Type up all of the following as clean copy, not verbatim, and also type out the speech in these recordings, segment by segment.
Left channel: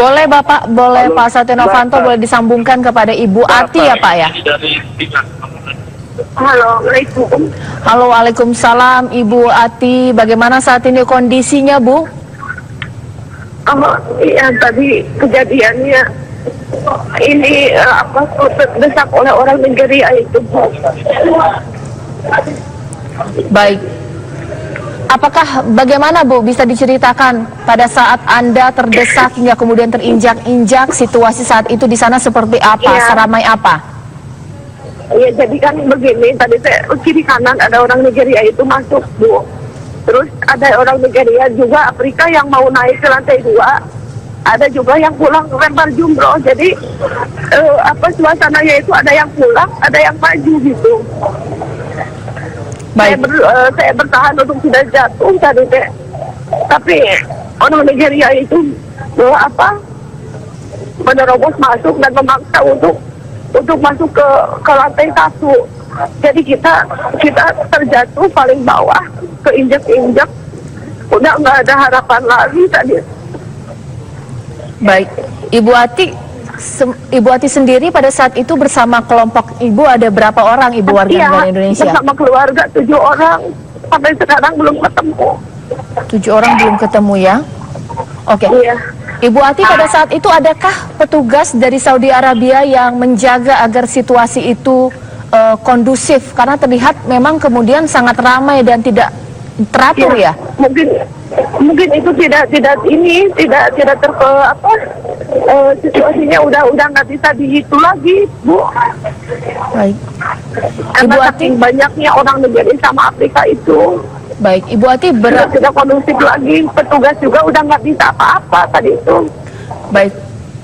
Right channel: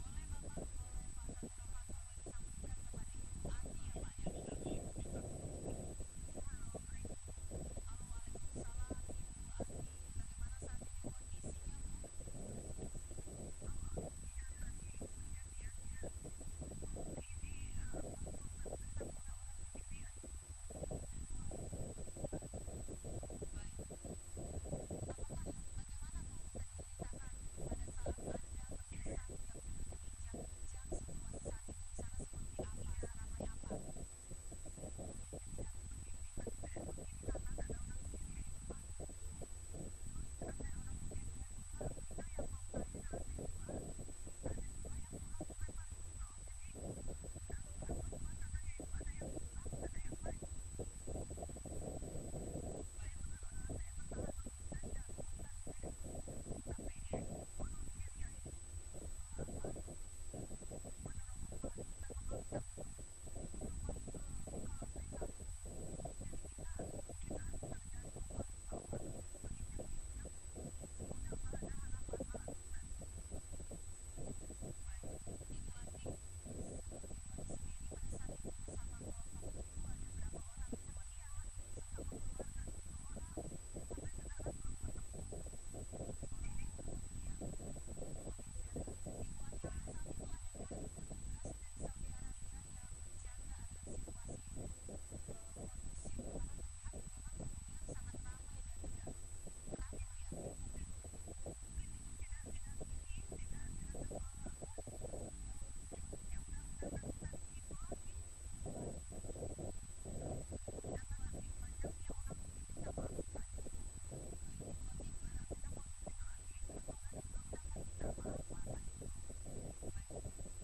Boleh Bapak, boleh Halo, Pak Setia Novanto boleh disambungkan kepada Ibu Ati ya Pak ya? Halo, Assalamualaikum. Halo, Waalaikumsalam Ibu Ati. Bagaimana saat ini kondisinya Bu? Oh, iya tadi kejadiannya ini terdesak oleh orang Nigeria itu. Baik. Apakah bagaimana Bu bisa diceritakan pada saat Anda terdesak hingga kemudian terinjak-injak, situasi saat itu di sana seperti apa, Iya. seramai apa? Ya jadi kan begini, tadi saya kiri kanan ada orang Nigeria itu masuk Bu. Terus ada orang Nigeria juga Afrika yang mau naik ke lantai 2. Ada juga yang pulang lempar jumroh. Jadi suasananya itu ada yang pulang, ada yang maju gitu. Baik. Saya bertahan untuk tidak jatuh tadi teh. Tapi orang Nigeria itu menerobos masuk dan memaksa untuk masuk ke lantai 1. Jadi kita terjatuh paling bawah, keinjak-injak, udah nggak ada harapan lagi tadi. Baik, Ibu Ati sendiri pada saat itu bersama kelompok Ibu ada berapa orang Ibu warga negara Indonesia? Bersama keluarga 7 orang, sampai sekarang belum ketemu. 7 orang belum ketemu ya? Oke. Iya. Ibu Ati pada saat itu adakah petugas dari Saudi Arabia yang menjaga agar situasi itu kondusif? Karena terlihat memang kemudian sangat ramai dan tidak teratur ya? Mungkin itu tidak situasinya udah nggak bisa dihitung lagi Bu. Baik. Karena Ibu Ati, saking banyaknya orang negeri sama Afrika itu. baik. Ibu Ati Tidak kondusif lagi, petugas juga udah nggak bisa apa-apa tadi itu. Baik.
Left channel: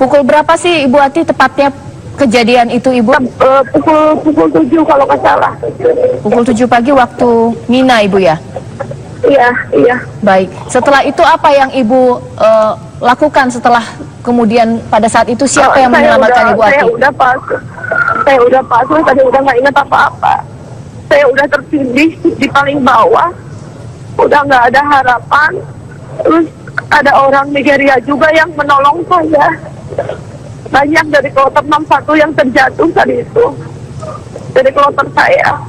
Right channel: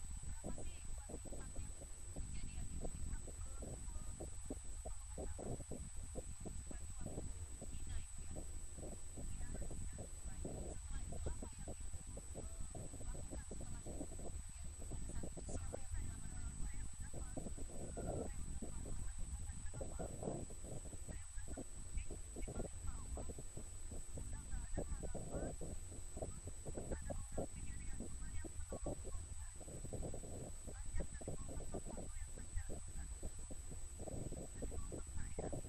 Pukul berapa sih Ibu Ati tepatnya kejadian itu Ibu? Pukul 7 kalau nggak salah. Pukul 7 pagi waktu Mina Ibu ya? Iya. Baik. Setelah itu apa yang Ibu lakukan setelah kemudian pada saat itu siapa yang menyelamatkan Ibu Ati? Saya udah pasrah, tadi udah nggak ingat apa-apa. Saya udah tertindih di paling bawah, udah nggak ada harapan. Terus ada orang Nigeria juga yang menolong saya. Banyak dari kloter 61 yang terjatuh tadi itu, dari kloter saya.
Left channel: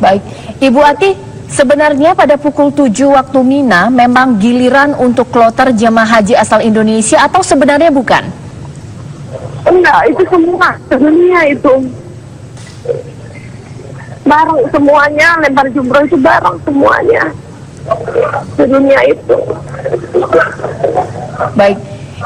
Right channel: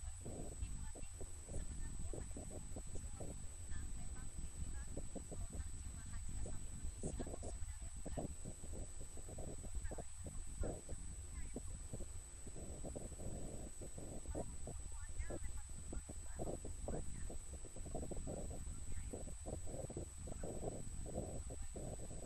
Baik. Ibu Ati, sebenarnya pada pukul 7 waktu Mina memang giliran untuk kloter jemaah haji asal Indonesia atau sebenarnya bukan? Enggak, itu semua dunia itu. Bareng semuanya, lempar jumroh itu bareng semuanya. Dunia itu. Baik.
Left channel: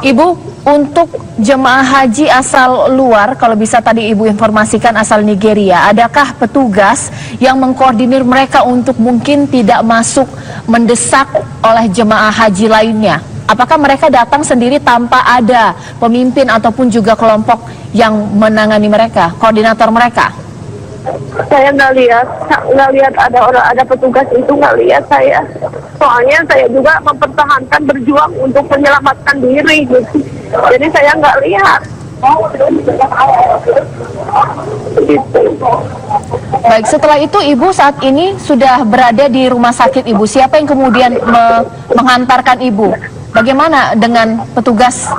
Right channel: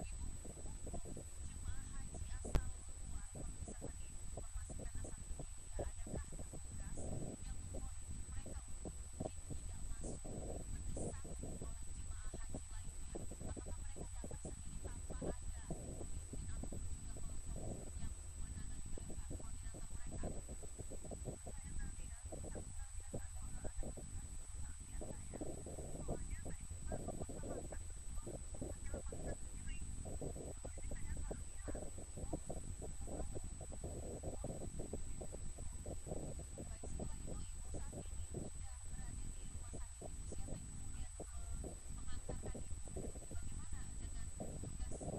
Ibu, untuk jemaah haji asal luar, kalau bisa tadi Ibu informasikan asal Nigeria, adakah petugas yang mengkoordinir mereka untuk mungkin tidak masuk mendesak oleh jemaah haji lainnya? Apakah mereka datang sendiri tanpa ada pemimpin ataupun juga kelompok yang menangani mereka, koordinator mereka? Saya nggak lihat ada petugas itu, nggak lihat saya. Soalnya saya juga mempertahankan berjuang untuk menyelamatkan diri gitu. Jadi saya nggak lihat. Gitu. Baik, setelah itu Ibu saat ini sudah berada di rumah sakit Ibu. Siapa yang kemudian menghantarkan Ibu? Bagaimana dengan petugas?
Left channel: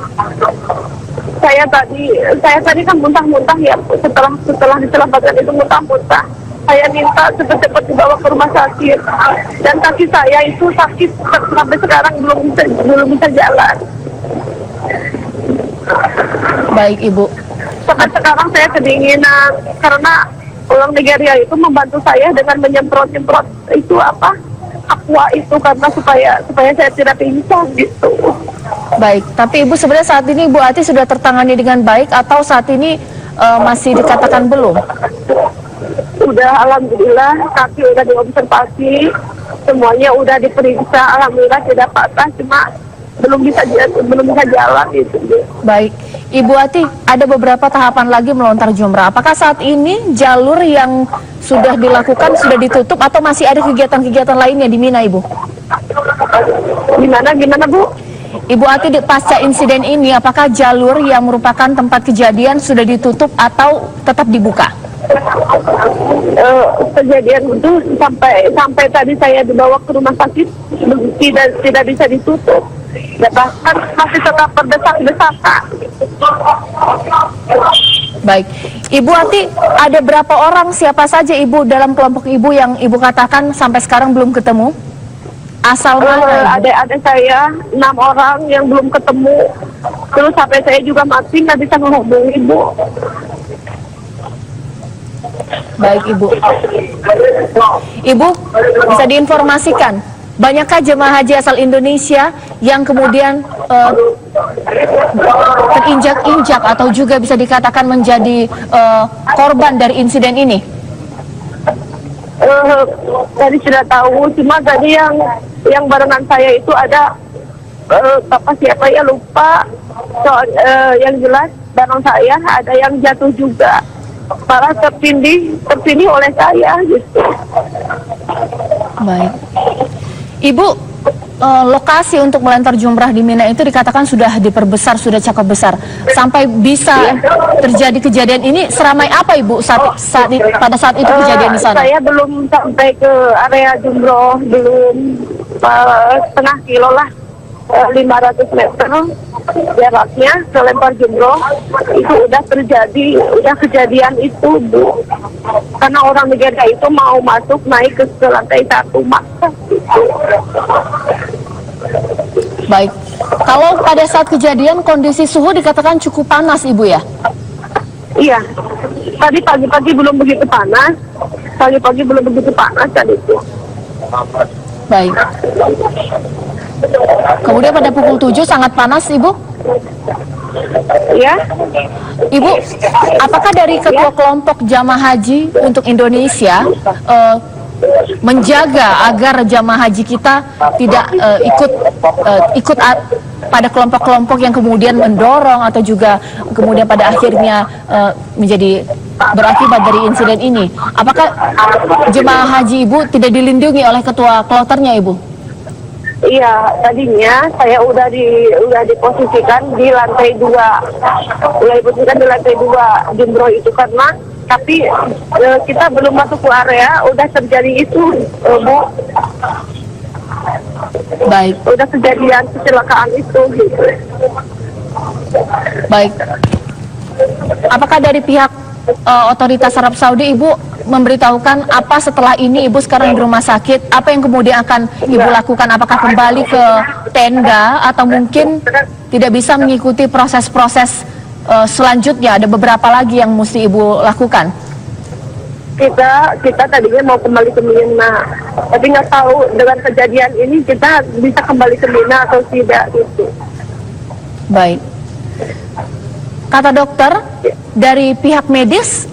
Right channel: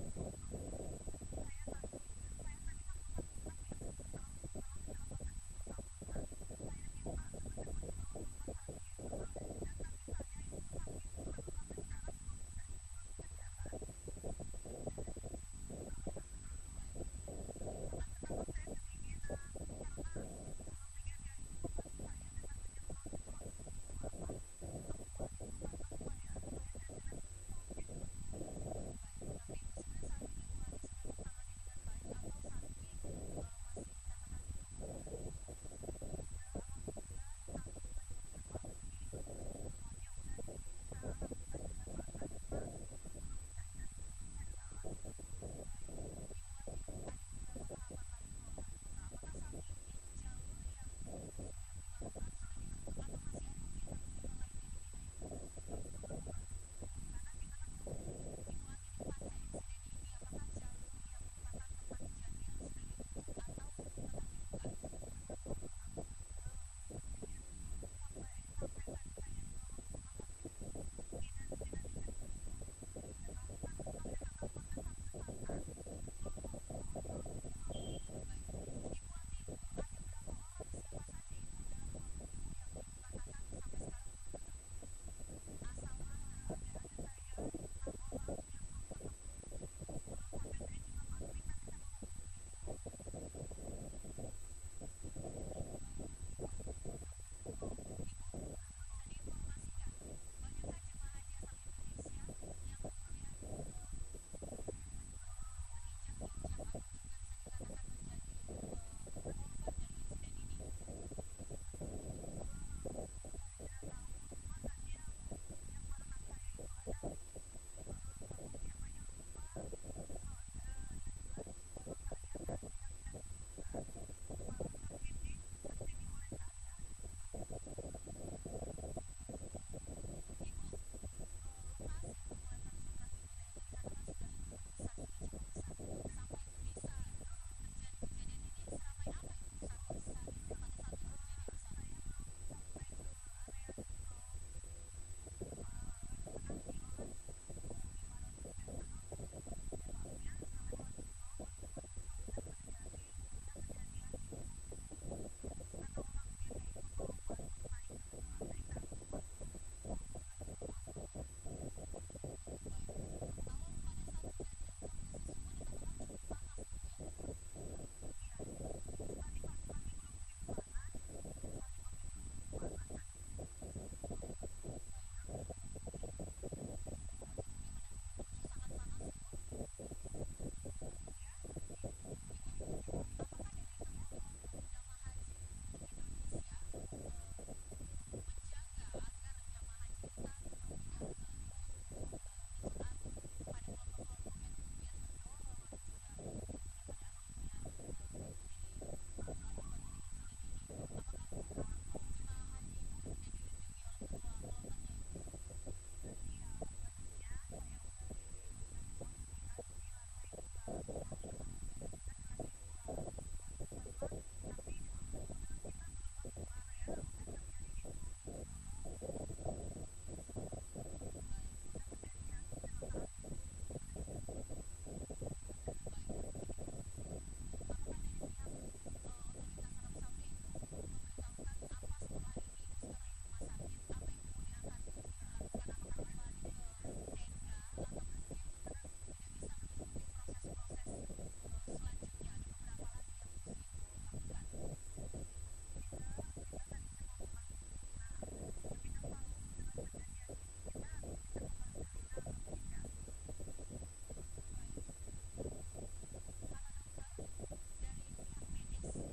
Saya tadi kan muntah-muntah ya, setelah diselamatkan itu muntah-muntah. Saya minta cepat-cepat dibawa ke rumah sakit, dan kaki saya itu sakit sampai sekarang belum bisa jalan. Baik Ibu. Sampai sekarang saya kedinginan karena orang Nigeria itu membantu saya dengan menyemprot-nyemprot itu aqua itu, karena supaya saya tidak pingsan gitu. Baik, tapi Ibu sebenarnya saat ini Ibu Ati sudah tertangani dengan baik atau saat ini masih dikatakan belum? Udah, alhamdulillah, kaki udah diobservasi, semuanya udah diperiksa, alhamdulillah tidak patah, cuma belum bisa jalan gitu. Baik, Ibu Ati, ada beberapa tahapan lagi melontar jumrah. Apakah saat ini jalur yang sudah dilakukan sudah ditutup atau masih ada kegiatan-kegiatan lainnya di Mina, Ibu? Gimana Bu? Ibu Ati, pasca insiden ini, apakah jalur yang merupakan tempat kejadian sudah ditutup atau tetap dibuka? Kejadian itu sampai tadi saya dibawa ke rumah sakit tidak bisa ditutup. Ya, bahkan masih tetap berdesak berdesak-desakan. Baik, Ibu Ati, ada berapa orang, siapa saja Ibu dalam kelompok Ibu yang Ibu katakan sampai sekarang belum ketemu? Asal mana? Ibu? Ada saya 6 orang yang belum ketemu. Terus sampai saya juga mati nggak bisa menghubungi Ibu. Baik Ibu. Ibu, bisa diinformasikan, banyakkah jemaah haji asal Indonesia yang kemudian terinjak-injak atau juga bisa dikatakan menjadi korban dari insiden ini? Tadi sudah tahu, cuma tadi yang barengan saya itu ada bapak siapa ya lupa. Yang jelas bareng saya ada yang jatuh juga, malah tertindih oleh saya gitu. Baik, Ibu, lokasi untuk melempar jumrah di Mina itu dikatakan sudah diperbesar, sudah cukup besar. Sampai bisa terjadi kejadian ini, seramai apa Ibu pada saat itu kejadian di sana? Saya belum sampai ke area jumroh, belum setengah kilo lah, 500 meter jaraknya ke lempar jumroh. Itu udah kejadian itu Bu. Karena orang Nigeria itu mau masuk naik ke lantai 1 Makkah. Baik, kalau pada saat kejadian kondisi suhu dikatakan cukup panas Ibu ya? Iya, tadi pagi-pagi belum begitu panas. Tadi itu. Baik. Kemudian pada pukul 7 sangat panas Ibu? Ya. Ibu, apakah dari ketua kelompok jamaah haji untuk Indonesia menjaga agar jamaah haji kita tidak ikut pada kelompok-kelompok yang kemudian mendorong atau juga kemudian pada akhirnya menjadi berakibat dari insiden ini? Apakah jemaah haji Ibu tidak dilindungi oleh ketua kloternya Ibu? Iya, tadinya saya udah diposisikan di lantai 2. Jumroh itu karena tapi kita belum masuk ke area udah terjadi itu, Bu. Baik. Udah kejadian kecelakaan itu gitu. Baik. Apakah dari pihak otoritas Arab Saudi Ibu memberitahukan apa setelah ini Ibu sekarang di rumah sakit, apa yang kemudian akan Ibu lakukan? Apakah kembali ke tenda atau mungkin tidak bisa mengikuti proses-proses selanjutnya? Ada beberapa lagi yang mesti Ibu lakukan. Kita tadinya mau kembali ke Mina, tapi nggak tahu dengan kejadian ini kita bisa kembali ke Mina atau tidak gitu. Baik. Kata dokter dari pihak medis,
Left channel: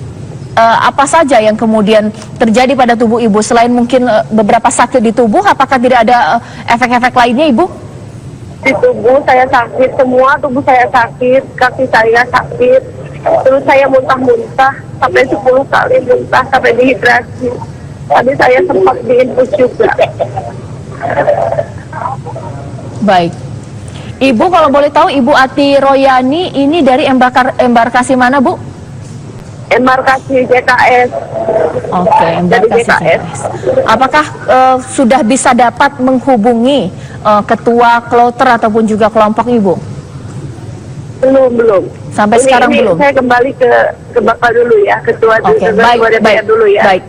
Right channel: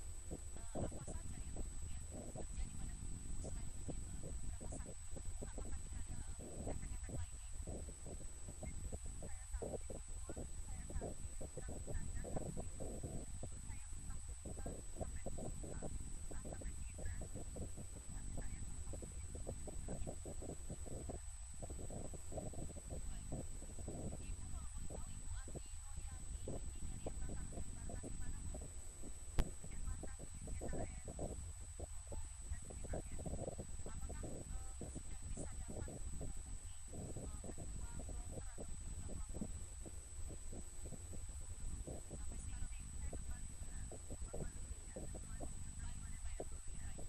apa saja yang kemudian terjadi pada tubuh Ibu selain mungkin beberapa sakit di tubuh? Apakah tidak ada efek-efek lainnya Ibu? Di tubuh saya sakit, semua tubuh saya sakit, kaki saya sakit, terus saya muntah-muntah sampai 10 kali muntah sampai dehidrasi. Tadi saya sempat diinfus juga. Baik. Ibu kalau boleh tahu Ibu Ati Royani ini dari embarkasi mana Bu? Embarkasi JKS. Oke, embarkasi JKS. Apakah sudah bisa dapat menghubungi ketua kloter ataupun juga kelompok Ibu? Belum. Sampai sekarang belum. Saya kembali ke Bapak dulu ya, ketua Oke, baik, dulu ya. baik.